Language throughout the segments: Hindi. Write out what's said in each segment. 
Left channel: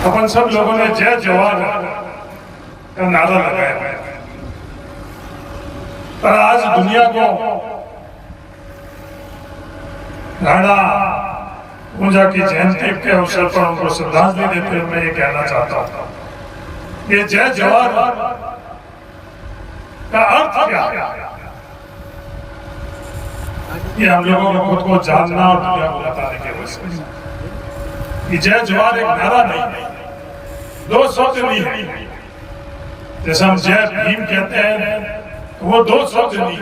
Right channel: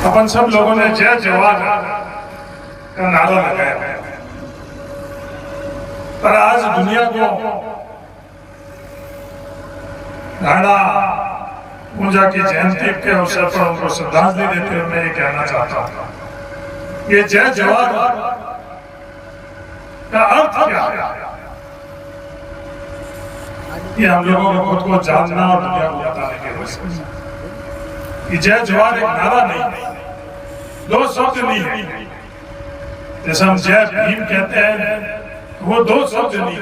अपन सब लोगों ने जय जवान का नारा लगाया, पर आज दुनिया को राणा पूजा की जयंती के अवसर पर उनको श्रद्धांजलि देते हुए मैं ये कहना चाहता हूं, ये जय जवान का अर्थ क्या है, ये हम लोगों को खुद को जानना और दुनिया को बताने के लिए कि जय जवान एक नारा नहीं, दो शब्द नहीं है। जैसे हम जय भीम कहते हैं, वो दो शब्द नहीं,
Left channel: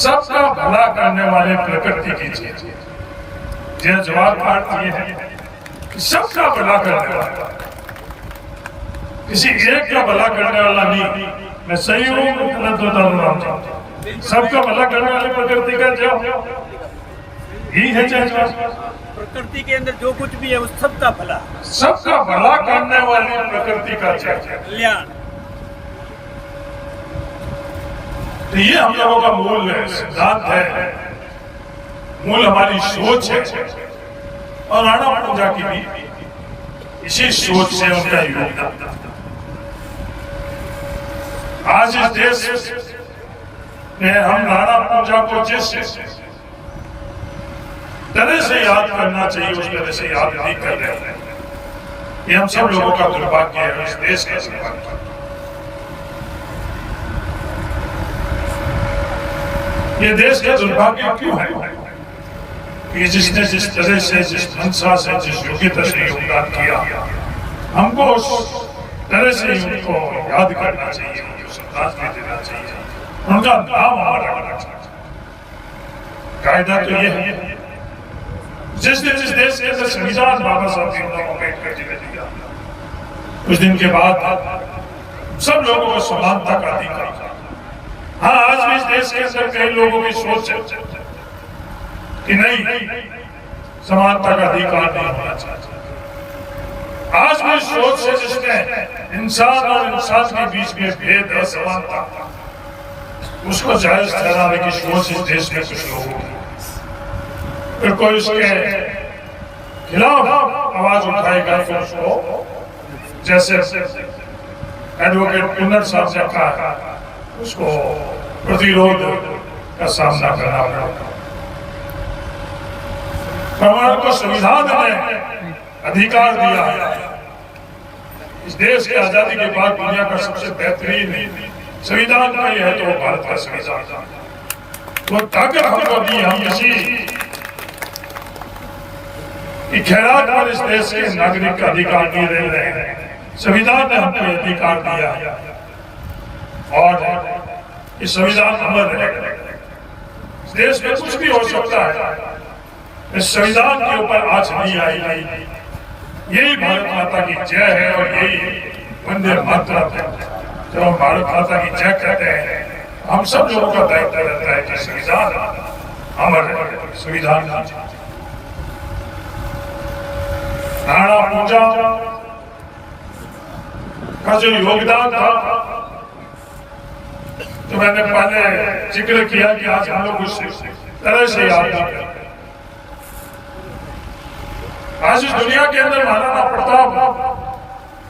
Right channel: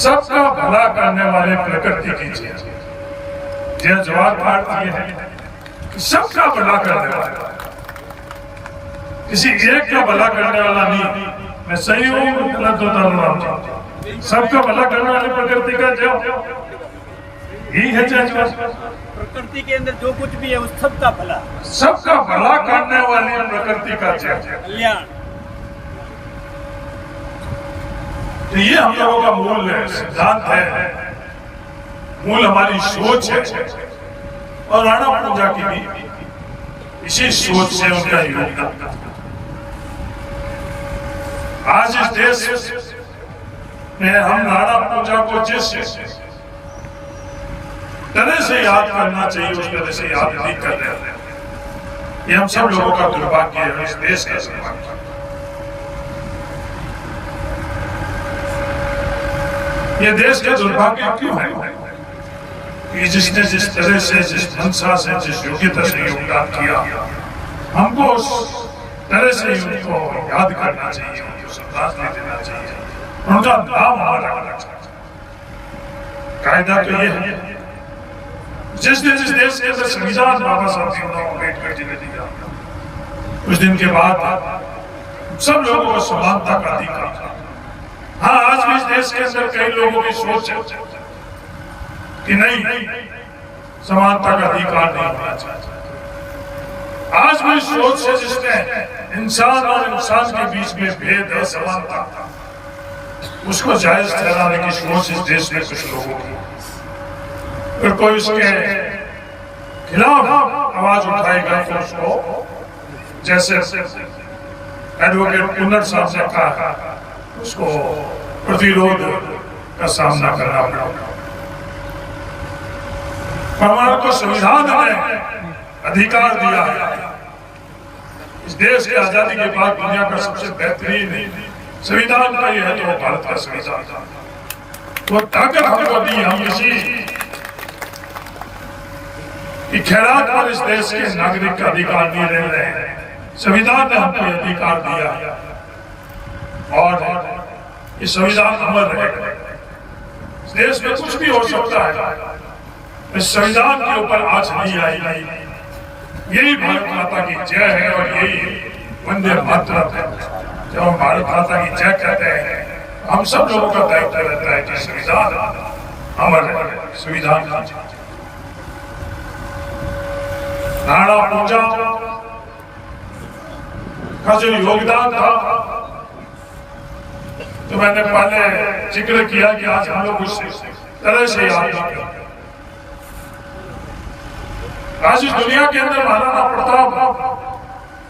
सबका भला करने वाले प्रकृति की चीज। जय जवान का अर्थ ये है कि सबका भला करने वाला, किसी एक का भला करने वाला नहीं। मैं सही हूँ, सबका भला करने वाली प्रकृति का जय ही है। प्रकृति के अंदर जो कुछ भी है उस सबका भला, सबका भला करने वाली प्रकृति का कल्याण, तो ये हम लोगों का मूल है, सिद्धांत है, मूल हमारी सोच है। और राणा पूजा की भी इसी सोच से उनका योगदान। आज इस देश में हम राणा पूजा को जिस तरह से याद करना चाहिए उस तरह से याद नहीं कर रहे हैं। ये हम सब लोगों का दुर्भाग्य है, इस देश का दुर्भाग्य। ये देश का दुर्भाग्य क्यों है कि जिसने जिस तरह से, जिस मंशा से, जिस योग्यता से योगदान किया, हमको उस तरह से उनको याद करना चाहिए, उनको श्रद्धांजलि देना चाहिए, उनका नाम हमारा रखना चाहिए। कायदा तो ये है, जिस देश के अंदर संविधान बाबा साहब भीमराव अम्बेडकर जी ने दिया, कुछ दिन के बाद सब लोगों को समानता का अधिकार। हाँ, आज भी इस देश के अंदर कई लोगों की सोच है कि नहीं, समानता का अधिकार नहीं होना चाहिए। आज भी सोच से जिसने इंसान और इंसान के बीच में भेद है, समानता, उसको जायज ठहराने की सोच इस देश में कुछ लोगों की, फिर कोई उसके खिलाफ आवाज उठाएगा तो उसको, जैसे एडवोकेट कुन्नर साहब ने कहा, उसको प्रतिरोध का सामना करना पड़ेगा। हमारे को संविधान ने अधिकार दिया है। इस देश की आजादी के बाद दुनिया का सबसे बेहतरीन संविधान का ही है तो भारत का संविधान। वो ताकत हमको दी, हम किसी कि खैरात पर इस देश के नागरिक का अधिकार नहीं रह रहे हैं। संविधान ने हमको अधिकार दिया और इस संविधान अमर रहेगा। इस देश में कुछ भी हो सकता है, इस संविधान के ऊपर आज नहीं आई। यही भारत माता की जय है और यही वंदे मातरम है। जब हम भारत माता की जय कहते हैं, हम सब लोगों का दायित्व रहता है कि संविधान अमर है, संविधान। राणा पूजा का जो योगदान था, तो मैंने पहले जिक्र किया कि आज हम लोग उस तरह से याद करते हैं। आज इस दुनिया के अंदर महाराणा प्रताप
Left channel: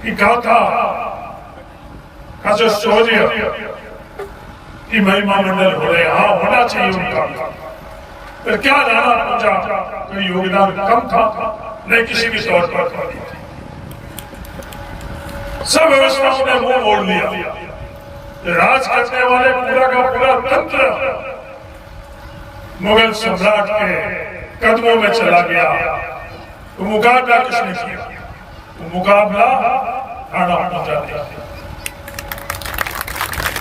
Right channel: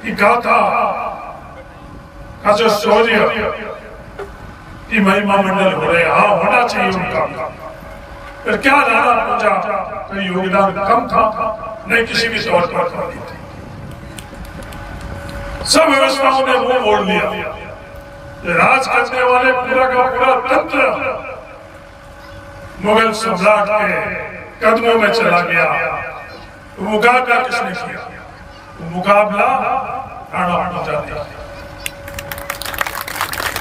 की गाथा का जो शौर्य की महिमा मंडल हो रहे, हाँ होना चाहिए उनका। पर क्या राणा पूजा का योगदान कम था? नहीं, किसी भी तौर पर नहीं थी। सब व्यवस्थाओं ने मुंह मोड़ लिया। राज करने वाले पूरा का पूरा तंत्र मुगल सम्राट के कदमों में चला गया। मुकाबला किसने किया? मुकाबला राणा पूजा ने।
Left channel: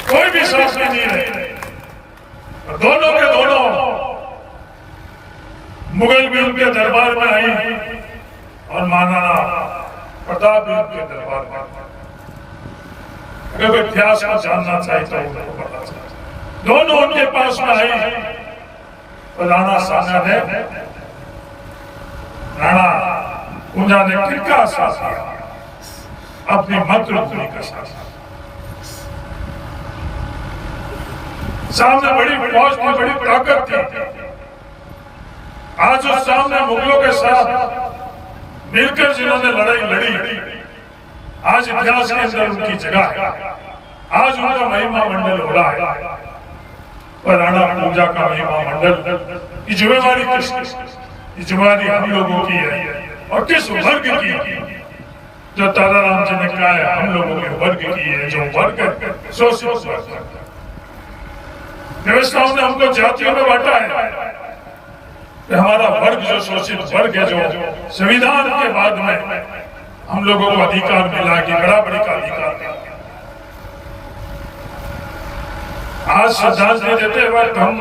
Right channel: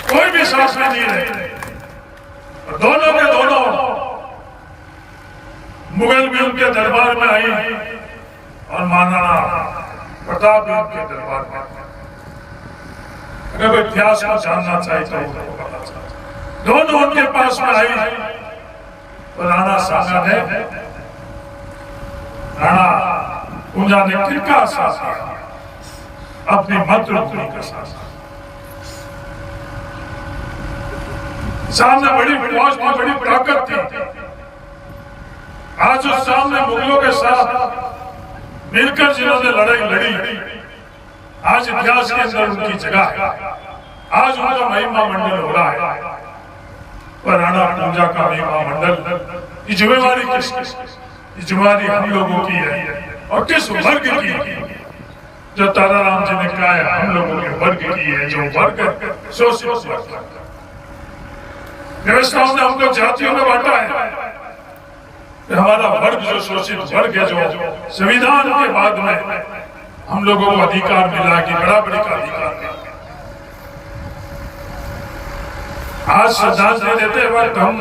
कोई भी शासन नहीं रहे, दोनों के दोनों मुगल भी उनके दरबार में आई और महाराणा प्रताप भी उनके दरबार में। अगर इतिहास को जानना चाहिए तो उनको पता चला, दोनों उनके पास में आई तो राणा साहब ने, राणा पूजा ने किसका साथ किया? अपनी मातृभूमि का साथ। सामने बड़ी फौज की बड़ी ताकत थी। आज आज उस सामने मुगलों के साथ मिलकर जिन्होंने लड़ाई लड़ी, आज इतिहास के अंदर उनकी जगह है, आज उनका महिमा मंडल हो रहा है। पर राणा पूजा का महिमा मंडल की जिम्मेदारी किसकी? जिम्मेदारी हम लोगों की है। और किस वर्ग की? जो ताराराम जी ने कहा है, हम लोगों के वर्ग की है, जो वर्ग शोषित वर्ग। व्यवस्थाओं ने हमको जातियों में बांटा है। हमारा वर्ग जो शोषित वर्ग है, जो संविधान के बाद में हम लोगों को अधिकार मिला कि बराबरी का अधिकार मिला। आज श्रद्धांजलि देते वक्त हम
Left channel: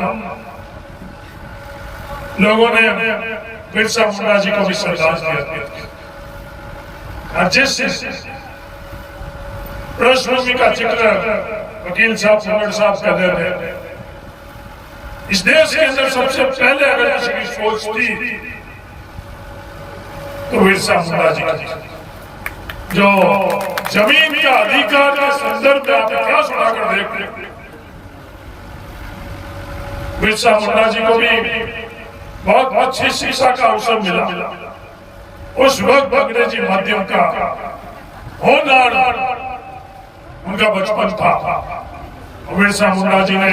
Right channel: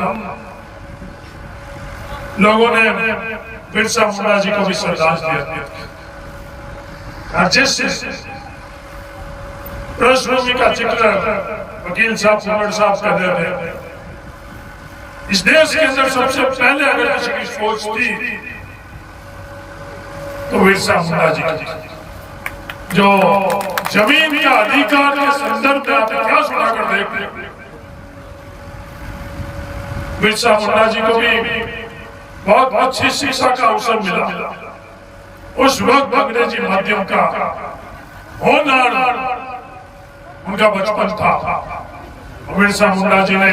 लोगों ने बिरसा मुंडा जी को भी श्रद्धांजलि अर्पित की। जिस पृष्ठभूमि का जिक्र वकील साहब कुंवर साहब कर रहे थे, इस देश के अंदर सबसे पहले अगर किसी की सोच थी तो बिरसा मुंडा जी की, जो जमीन का अधिकार के संदर्भ में आप इतिहास उठाकर देख लें। बिरसा मुंडा जी को भी बहुत अच्छी शिक्षा का अवसर मिला। उस वक्त अंग्रेजी माध्यम का होनहार उनका बचपन था। बिरसा मुंडा जी ने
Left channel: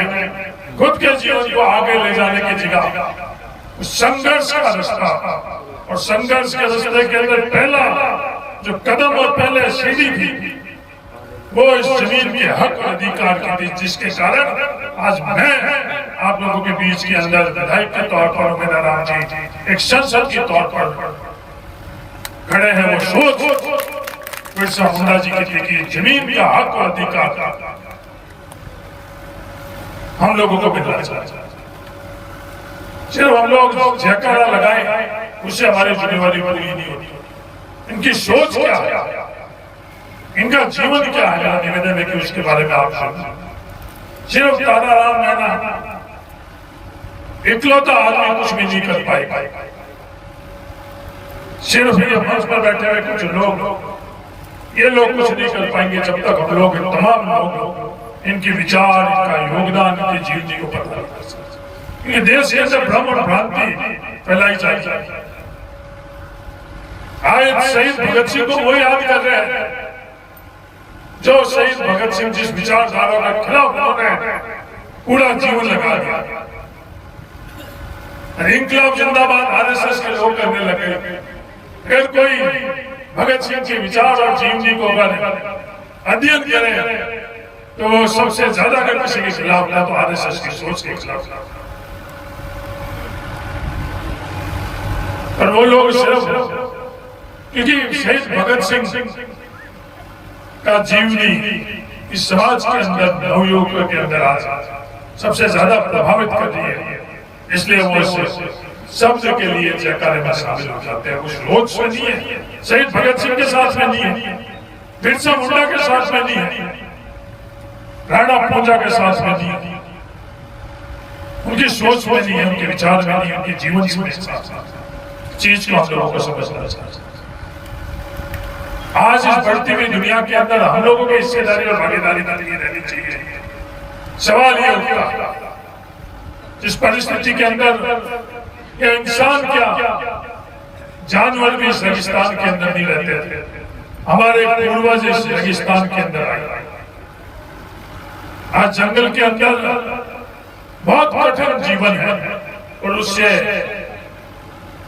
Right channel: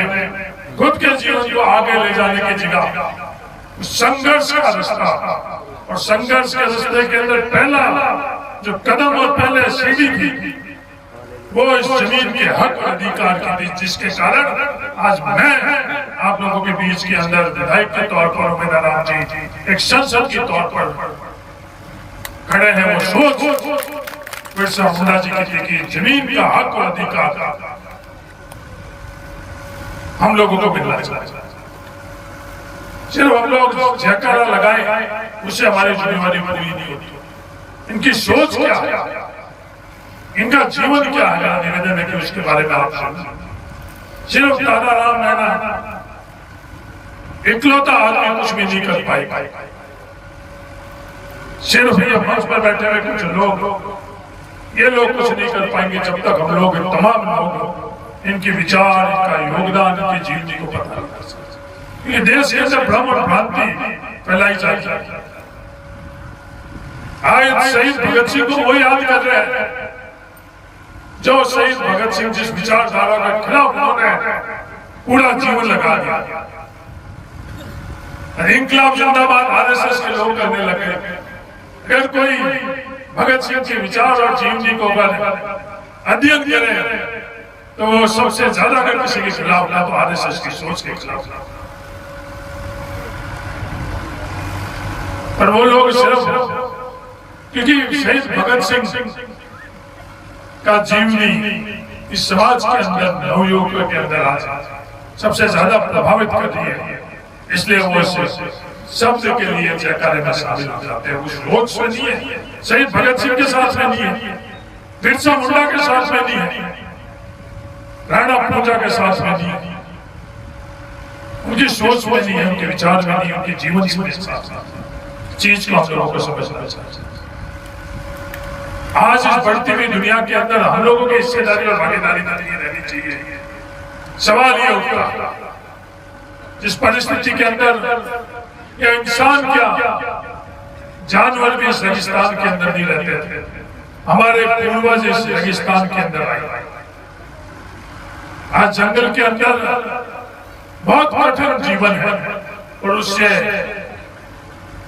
खुद के जीवन को आगे ले जाने की जगह संघर्ष का रास्ता, और संघर्ष के रास्ते के अंदर पहला जो कदम और पहले सीढ़ी थी वो इस जमीन के हक और अधिकार की थी, जिसके कारण आज मैं आप लोगों के बीच के अंदर विधायक के तौर पर उमेदवार जी, एक संसद के तौर पर खड़े हैं। वो सोच बिरसा मुंडा जी की जमीन का हक और अधिकार हम लोगों को मिलना चाहिए। सिर्फ हम लोग जयकारा लगाए उससे हमारी जिम्मेवारी पूरी नहीं होती। इनकी सोच क्या है, इनका जीवन क्या है, मेरा निवेदन है कि उसके बारे में आप समझें। सिर्फ ताराराम मैना इकलौता आदमी कुछ भी नहीं कर पाएगा। सिर्फ ये मंच पर बैठे हुए कुछ लोग, ये लोग कुछ नहीं कर पाएंगे जब तक हम लोग तमाम लोग इनके विचार, इनका योगदान, इनकी जीवनी को पता नहीं कर सकते। ये देश के अंदर भ्रम और भ्रांति फैलाई जाए। आज शहीद भगत सिंह को वो याद कर रहे हैं जो शहीद भगत सिंह जिस विचारधारा का खिलाफ उन्होंने पूरा जीवन लगा दिया। इंकलाब जिंदाबाद आरएसएस के लोग करने लगे। अगर कोई भगत सिंह के विचार और जीवनी को अध्ययन करे तो वो सबसे ज्यादा अगर किसी के खिलाफ ना तो आरएसएस की सोच के खिलाफ, और वो लोग सिर्फ क्योंकि शहीद भगत सिंह का जीवनी इस समाज के अंदर नवयुवकों के अंदर आज सबसे ज्यादा प्रभावित कर रही है, इसलिए वो शब्द के लिए जयकारे में शामिल हो जाते हैं। उस लोग से नहीं है, शहीद भगत सिंह के साथ में नहीं है, बिरसा मुंडा के साथ में नहीं है, राणा पूजा के साथ में नहीं है, उनकी सोच में नहीं है, उनके विचार में नहीं है, उनके जीवन में चीज को हम लोगों को समझना चाहिए। आज इस बढ़ती हुई दुनिया के अंदर हम लोगों की हिस्सेदारी और भागीदारी का लिए रहनी चाहिए। सवाल ये उठता जिस परिस्थिति के अंदर ये इंसान क्या जानवर भी इस रेगिस्तान के अंदर नहीं रहते थे, हमारे पूर्वज इस रेगिस्तान के अंदर आए। आज जंगल के अंदर बहुत कठिन जीवन है और उससे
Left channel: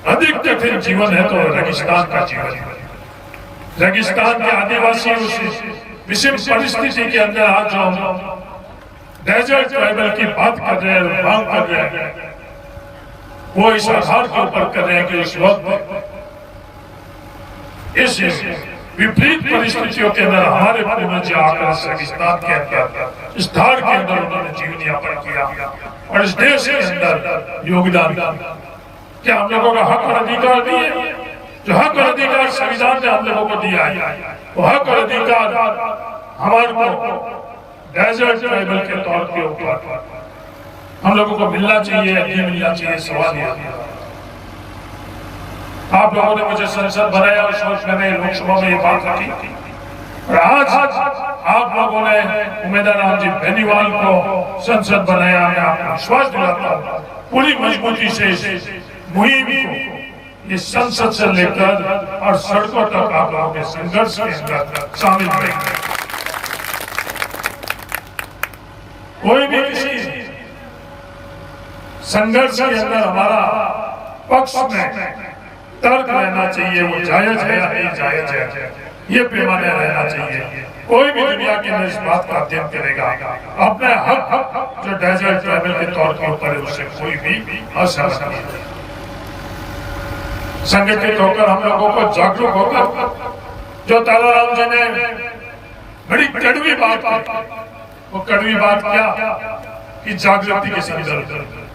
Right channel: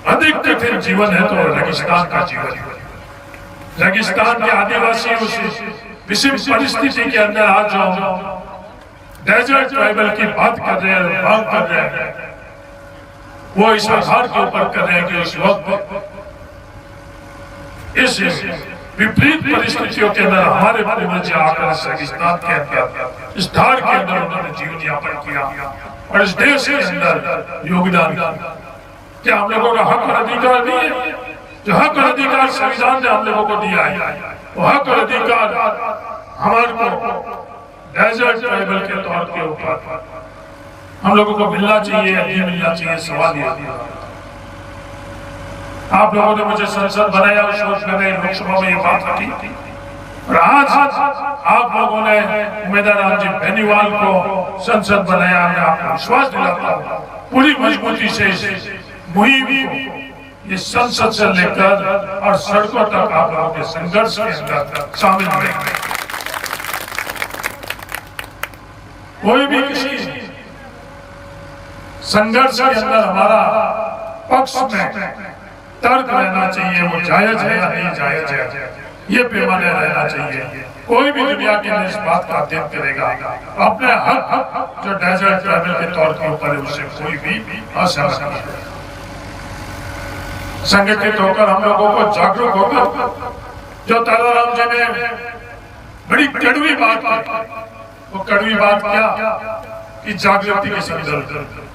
अधिक कठिन जीवन है तो रेगिस्तान का जीवन है। रेगिस्तान के आदिवासी उस विषम परिस्थिति के अंदर आज जो डेजर्ट ट्राइबल की बात कर रहे हैं, मांग कर रहे हैं, वो इस आधार के ऊपर कर रहे हैं कि इस वक्त इस विपरीत परिस्थितियों के अंदर हमारे पूर्वज आकर रेगिस्तान के अंदर इस धार के अंदर उन्होंने जीवन यापन किया और इस देश के अंदर योगदान। क्या हम लोगों का हक और अधिकार नहीं है? जो हक और अधिकार संविधान ने हम लोगों को दिया है, वो हक और अधिकार हमारे को डेजर्ट ट्राइबल के तौर के ऊपर हम लोगों को मिलना चाहिए, ये मिलना चाहिए। सवाल ये आप लोगों ने मुझे संसद बनाया, उस वक्त मैंने लोकसभा में ये बात रखी और आज आप लोगों ने उमेदवार राम जी बेनीवाल को संसद बनाया। मैं आपको विश्वास दिलाता हूँ पूरी मजबूती से मुहिम को ये संसद से लेकर और सड़कों तक आप लोगों के संघर्ष के अंदर शामिल रहेंगे। कोई भी किसी संघर्ष के अंदर हमारा पक्ष में तर्क रहना चाहिए, वो जायज है या नहीं जायज है, ये पैमाने रहना चाहिए। कोई भी दुनिया के अंदर इस बात का अध्ययन करेगा, अपने हक जो डेजर्ट ट्रैवल के तौर पर होता है उससे कोई भी असहमत नहीं है। संगठित होकर हम लोगों को जागरूक होकर जो ताराराम जी ने बड़ी कड़वी बात की, वो कड़वी बात क्या कि जागृति किसी की जरूरत है।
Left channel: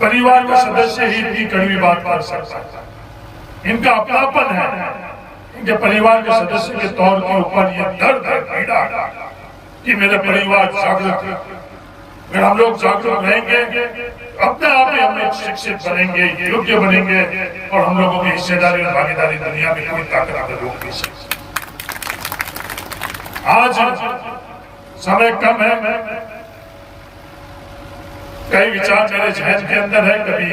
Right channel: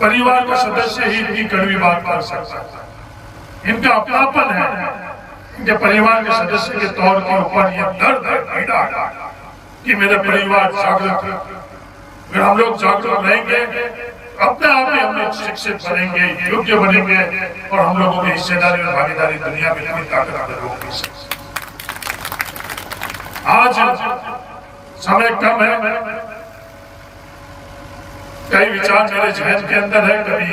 परिवार का सदस्य ही इतनी कड़वी बात कर सकता है, इनका अपनापन है कि परिवार के सदस्य के तौर के ऊपर ये दर्द है, पीड़ा कि मेरे परिवार जागरूक है। अगर हम लोग जागरूक रहेंगे अपने आप ही हम लोग शिक्षित बनेंगे, योग्य बनेंगे और हम लोगों की हिस्सेदारी और भागीदारी दुनिया में कोई ताकत हमें रोक नहीं सकती। आज समय कम है, कई विचार मेरे जहन के अंदर है, कभी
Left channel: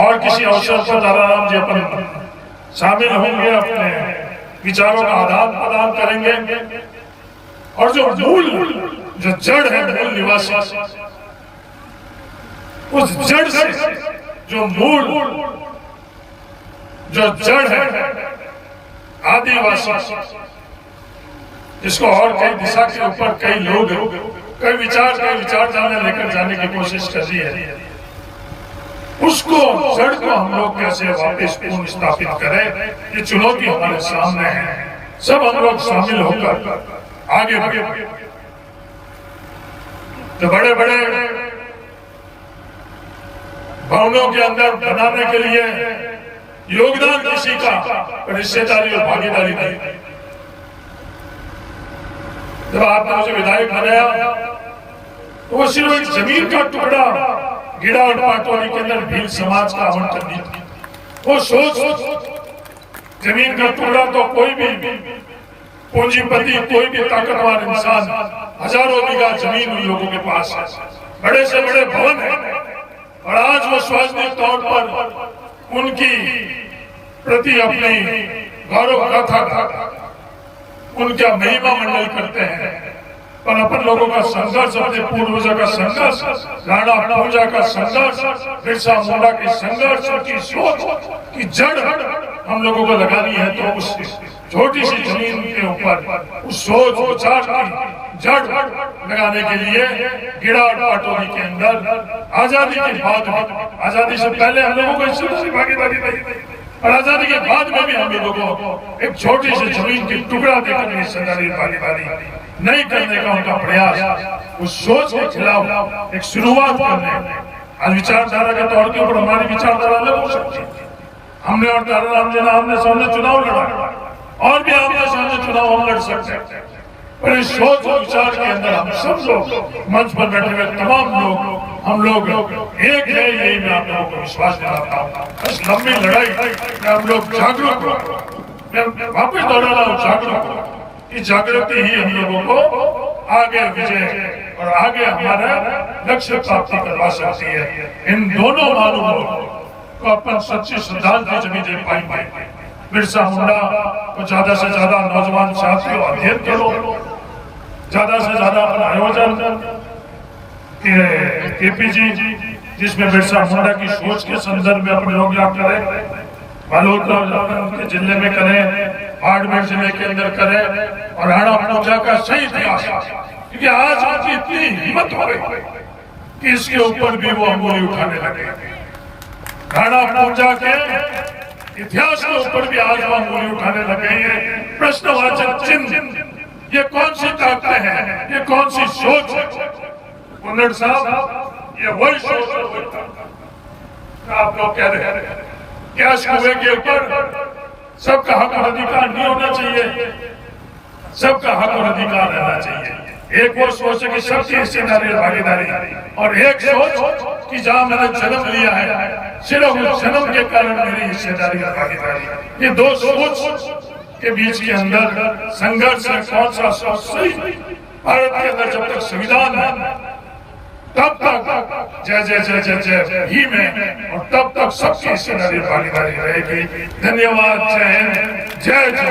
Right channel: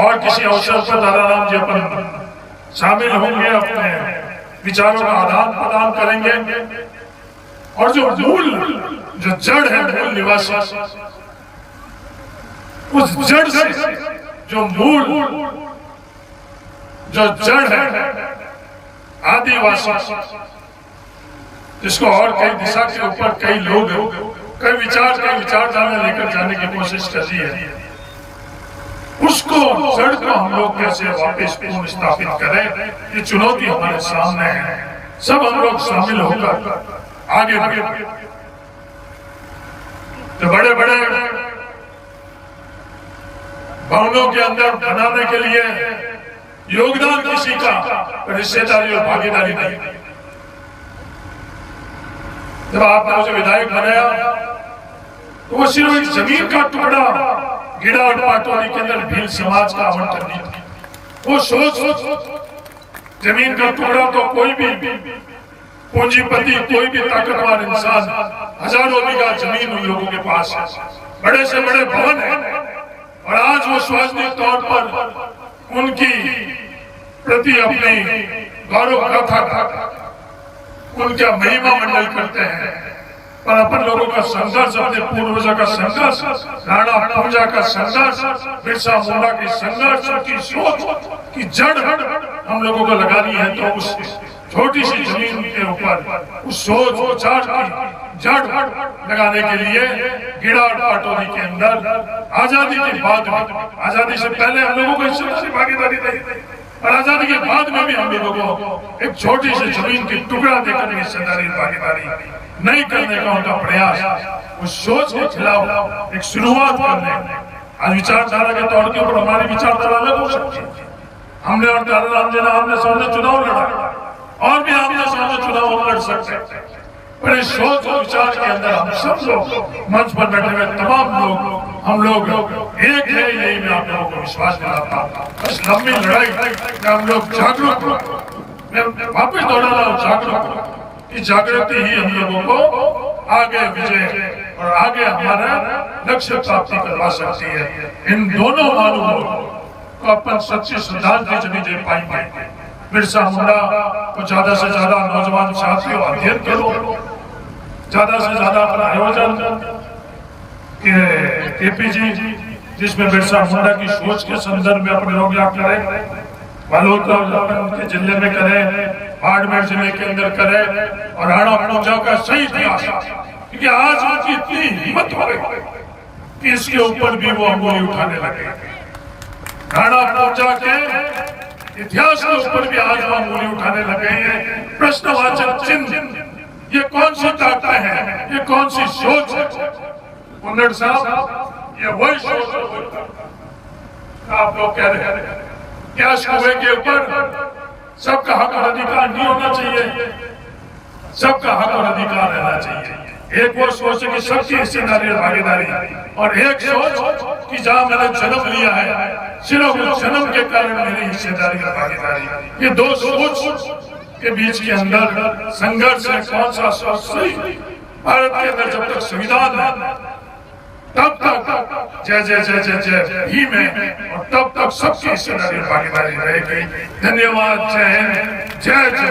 और किसी अवसर पर ताराराम जी अपन शामिल होंगे, अपने विचारों का आदान प्रदान करेंगे और जो मूल जो जड़ है, मूल निवासी, उस जड़ से जो मूल जो जड़ है आदिवासी, जिसको और कई दिशा के ऊपर कई लोग कई विचारधारा लेकर जाने की कोशिश कर रही है, उसको जड़ को हम लोग कैसे वापस पुनः स्थापित करें, ये चुनौती हमारे सामने है। सब हम लोग शामिल होकर आगे बढ़े। तो बड़े बड़े भवनों के अंदर बनाने के लिए योगदान किसी का हिस्सेदारी और भागीदारी नहीं। जब आपने मुझे विधायक बनाया तो वो सिर्फ एक जमीन का टुकड़ा गिड़ा और पाटोली के अंदर भील समाज का आवंटन नहीं था। वो सोच जमीन का टुकड़ा तो कोई भी पूंजीपति, कोई भी ताकतवर इंसान, हजारों बीघा जमीन उन लोगों के पास है, बड़े से बड़े भवन है, और आज वो सार्वजनिक तौर पर उनकी प्रति अपनी गौरव गाथा, उनका महिमा मंडल करते हैं। पर अपन लोगों का संघर्ष, अपने पूर्वजों का संघर्ष, राणा पूजा का संघर्ष, बिरसा मुंडा की संघर्ष की सोच की जड़ हम लोगों को लगानी है, तो उस छोटी सी जमीन के ऊपर उस सोच विचार की जड़ लगाने के लिए गिड़ा और पाटोली के अंदर आजादी के बाद में, आजादी से पहले हम लोगों को इससे भागीदारी नहीं थी, और आजादी के बाद में भी हम लोगों को एक छोटी सी जमीन की टुकड़ा देकर हिस्सेदारी भागीदारी नहीं करने का उनका प्रयास, उस सोच के खिलाफ एक शुरुआत करने। आज विचारधारा के तौर के ऊपर हमारी विचारधारा अलग हो सकती है। हमने और ताराराम जी ने आमने सामने चुनाव लड़ा, और भी आमने सामने चुनाव हम लड़ सकते हैं, पर इस सोच और विचार के अंदर हम सब लोग मंच पर बैठे हुए तमाम लोग, हम लोग एक है, यही मैं आप लोगों को विश्वास दिलाता हूँ। बस लंबी लड़ाई में हम लोग जागरूक, वापिस दौड़ा रहा हूँ, जागरूक, कि जागृति ही हम लोगों को आगे विजय और आगे हमारा लक्ष्य प्राप्ति करवा सकती है। इन दोनों मालूमों को अपन सच्ची श्रद्धांजलि जब दे पाएंगे। बिरसा मुंडा को ज्यादा से ज्यादा नौजवान साथियों अध्ययन करो, ज्यादा से ज्यादा अपना आयोजन केपीजी, जिसमें बिरसा मुंडा की सोच के संदर्भ में अपने लोग याद करें, बालोद के जिले में करें, बाड़मेर जिले के अंदर करें, और राणा पूजा का सही इतिहास, क्योंकि आज की इतनी हिम्मत हो गई कि इसके ऊपर भी वो अंगुली उठाने लगे। राणा पूजा के इतिहास के ऊपर भी आज वो अंगुली उठाने लगे हैं। प्रश्नवाचक चिन्ह, ये कौन सी ताकतें हैं, ये कौन सी सोच है? कुंदड़ साहब, ये वही सोच आप लोग कह रहे हैं क्या सूबे के ऊपर सबका हक और अधिकार नहीं होना चाहिए, सबका हक और अधिकार रहना चाहिए। एक वो सोच है कि सबकी हिस्सेदारी और भागीदारी, और एक सोच कि जहां मैंने जन्म लिया है सिर्फ उस जन्म के कारण मेरी हिस्सेदारी और भागीदारी। ये दो सोच के बीच के अंदर संघर्ष है। कौन सा सोच सही? भारत के अंदर जब तक संविधान है, तब तक जय जय जय जय जय ही में और तब तक सबकी भागीदारी रहेगी। धन्यवाद। जय हिंद, जय जय।